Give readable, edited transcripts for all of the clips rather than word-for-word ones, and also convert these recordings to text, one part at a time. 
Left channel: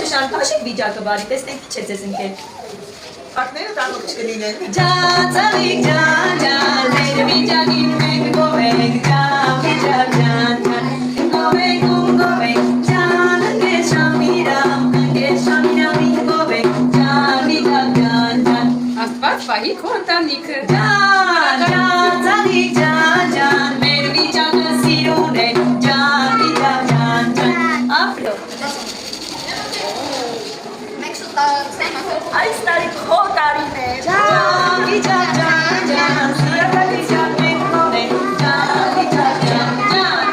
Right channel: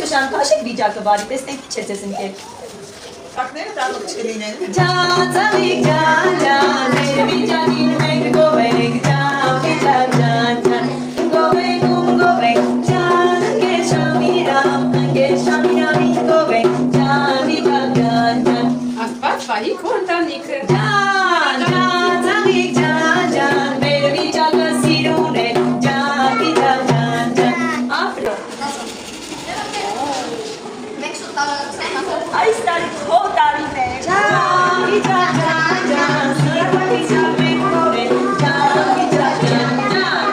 Շուշան, հաշիկ վիճակը բարի, տեսնենք քիչ է ձեզ ընկել։ Ակները տանուկ չկլինեն։ Ջան, ծալիկ ջան, ջան, մեր վիճակին մենք գովենք, ջան, վիճակ ջան, ջան, գովենք, ջան, ընկեր շամիրամ, գովենք, ջան, վիճակ ջան, ջան։ Աստված վահի քո ընտանիքը։ Ջան, ջան, ծալիկ ջան, ջան, մեր վիճակը սիրուն է, ջան, վիճակ ջան, ջան, ապրո։ Այս տարի քո տարին է, ջան, վիճակ ջան, ջան, սիրալա վիճակ մենք ունենք, ջան, վիճակ ջան, ջան։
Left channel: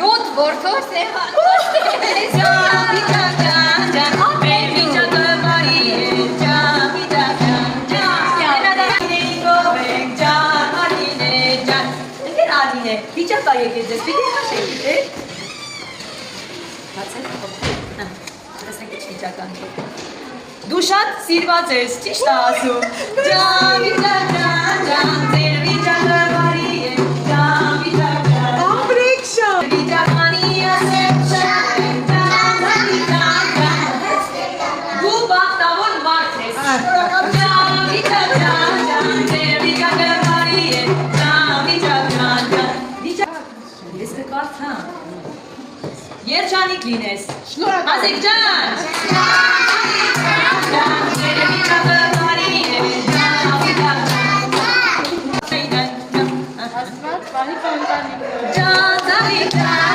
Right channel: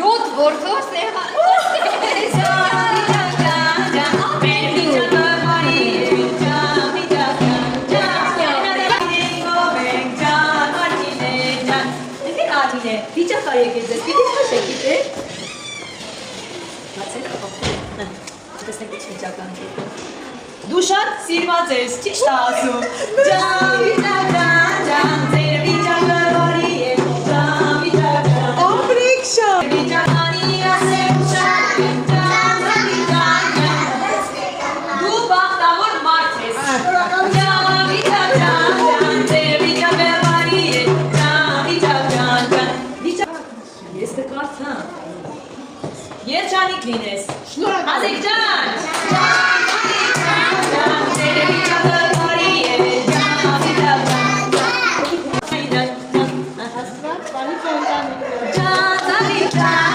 7 որդով սեղան։ Ջան, վիճակ ջան, ջան, մեր վիճակը բարի է, ջան, վիճակ ջան, ջան։ Գովենք, ջան, Ալինե, ջան։ Ընկեր Ալինե, վիճակ կա եկել ձեզ, պիտի հաշեք, է՞։ Բացեք, տեսնեք ինչ վիճական է։ Դու շատ սիրված ես, ճիշտ է ասում։ Ջան, վիճակ ջան, ջան, ձեր վիճակը բարի է, ջան, վիճակ ջան։ Ամրիկ շատ։ Վիճականի ասեք շատ է, ջան, վիճակ ջան։ Դու բախտավոր մարդ ես։ Ջան, վիճակ ջան, ջան, ձեր վիճակը բարի է, ջան, վիճակ ջան, ջան։ Վիճակ։ Ես կկարծամ։ Երջանիկ լինես։ Շնորհակալ։ Ազիկ ջան։ Ջան, ձեր վիճակը բարի է, ջան, վիճակ ջան, ջան։ Աստված վահի քո ընտանիքը։ Ջան, Ազիկ ջան։